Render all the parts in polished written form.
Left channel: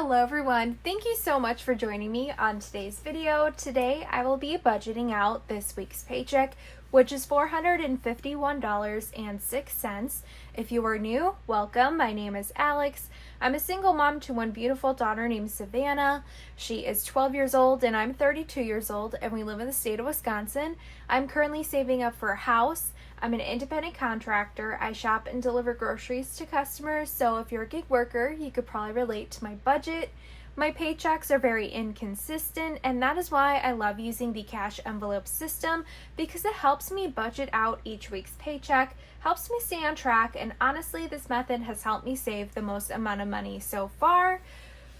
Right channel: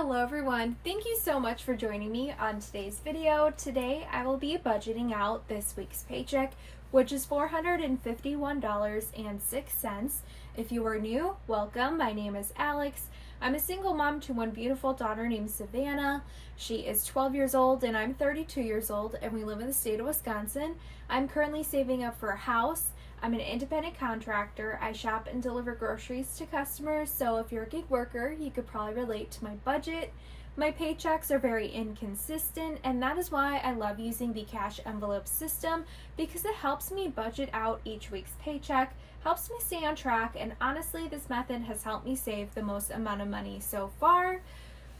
Hello everyone, thank you so much for joining me on today's video. Today I will be budgeting out this week's paycheck, which is $451.06. If you are new, welcome. My name is Alex. I'm a single mom to one beautiful daughter named Savannah. She is 12 years old and I'm 32 years old, and we live in the state of Wisconsin. I'm currently saving up for a house. I'm an independent contractor. I shop and deliver groceries to customers, so if you're a gig worker, you could probably relate to my budget. My paychecks are very inconsistent, and that is why I love using the cash envelope system, because it helps me budget out each week's paycheck, helps me stay on track, and honestly, this method has helped me save the most amount of money so far.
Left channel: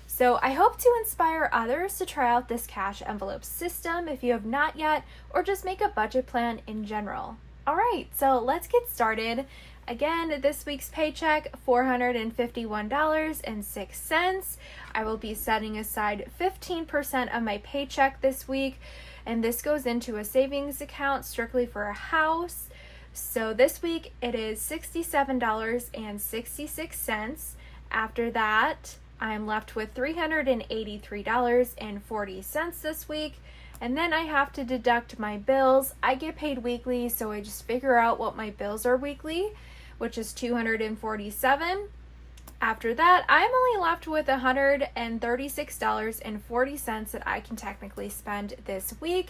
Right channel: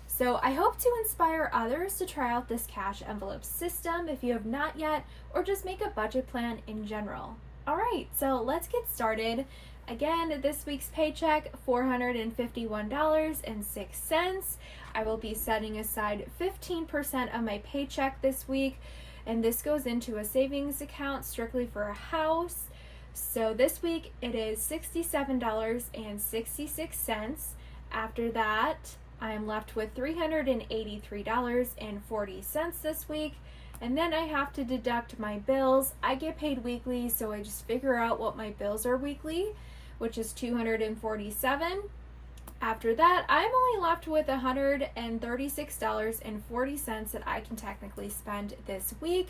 So I hope to inspire others to try out this cash envelope system if you have not yet, or just make a budget plan in general. Alright, so let's get started. Again, this week's paycheck, $451.06. I will be setting aside 15% of my paycheck this week, and this goes into a savings account strictly for a house. So this week it is $67.66. After that, I'm left with $383.40 this week. And then I have to deduct my bills. I get paid weekly, so I just figure out what my bills are weekly, which is $247. After that, I'm only left with $136.40 that I can technically spend this week.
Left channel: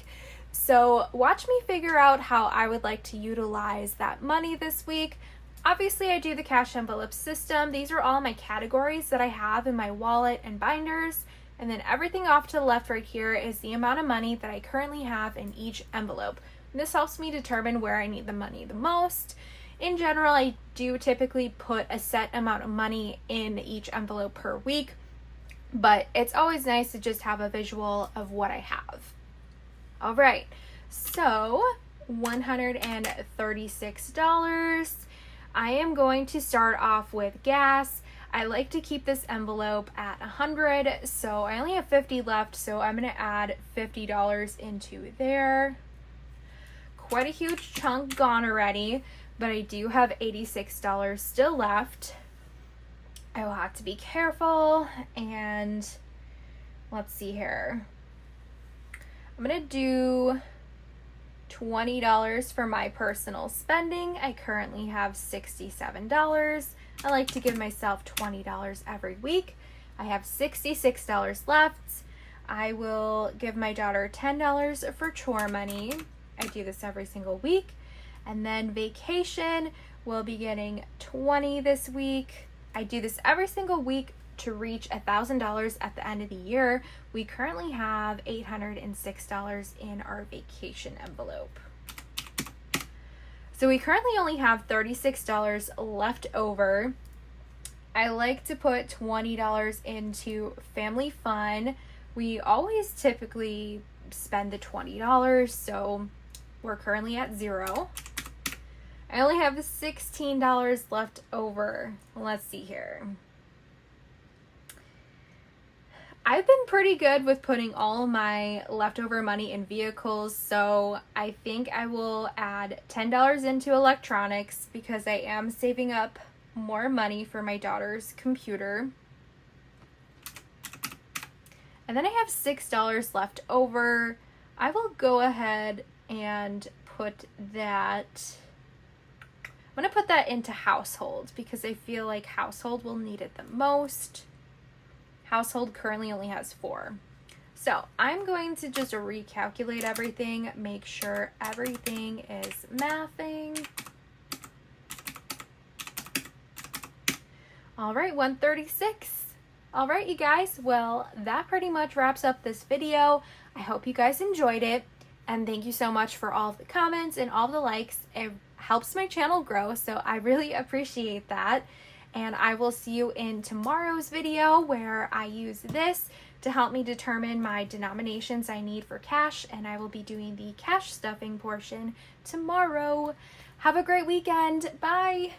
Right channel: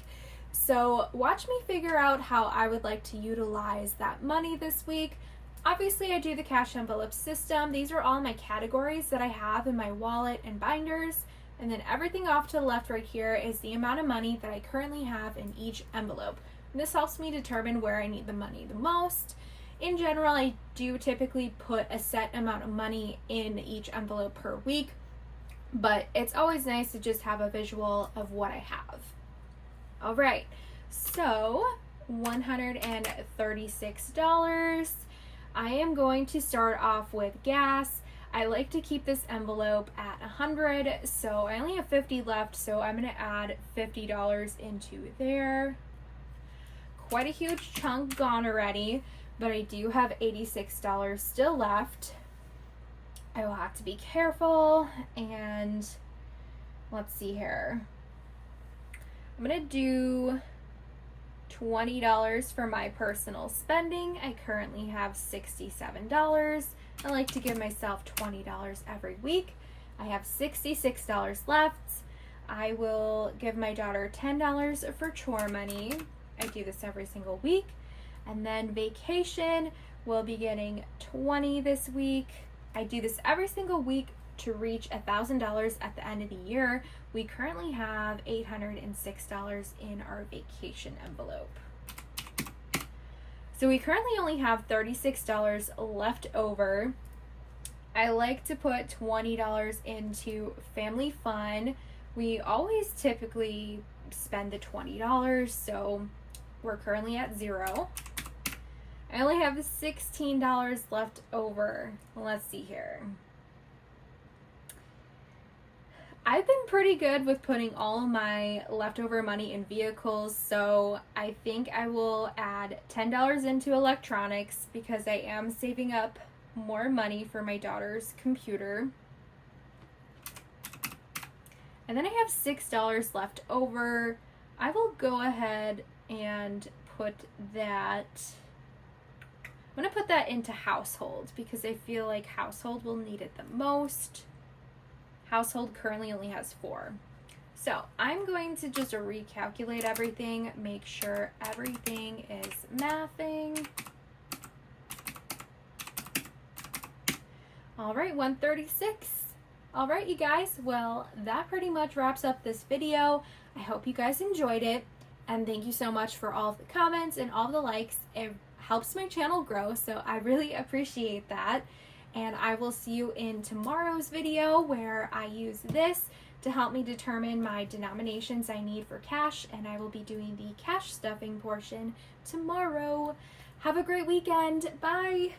So watch me figure out how I would like to utilize that money this week. Obviously, I do the cash envelope system. These are all my categories that I have in my wallet and binders. And then everything off to the left right here is the amount of money that I currently have in each envelope. And this helps me determine where I need the money the most. In general, I do typically put a set amount of money in each envelope per week, but it's always nice to just have a visual of what I have. All right, so $136. I am going to start off with gas. I like to keep this envelope at 100, so I only have 50 left, so I'm going to add $50 into there. Quite a huge chunk gone already, but I do have $86 still left. I will have to be careful, and let's see here. I'm going to do $20 for my personal spending. I currently have $67. I like to give myself $20 every week. I have $66 left. I will give my daughter $10 for chore money. I do this every single week. And then vacation, we'll be getting $20 this week. I do this every single week to reach $1,000 at the end of the year. We currently have $806 in our vacation envelope. So we currently only have $36 left over. I like to put $20 into family fun. We always typically spend the $20, so we're currently at $0. I only have $16 left over. Let's see here. I've been pretty good with putting all of my leftover money in vehicles, so I think I will add $10 into electronics because I am saving up more money for my daughter's computer. And then I have $6 left over. I will go ahead and put that, I'm going to put that into household because I feel like household will need it the most. Household currently only has 4. So I'm going to just recalculate everything, make sure everything is mathing. All right, 136. All right, you guys, well, that pretty much wraps up this video. I hope you guys enjoyed it, and thank you so much for all of the comments and all the likes. It helps my channel grow, so I really appreciate that. And I will see you in tomorrow's video where I use this to help me determine my denominations I need for cash, and I will be doing the cash stuffing portion tomorrow. Have a great weekend. Bye.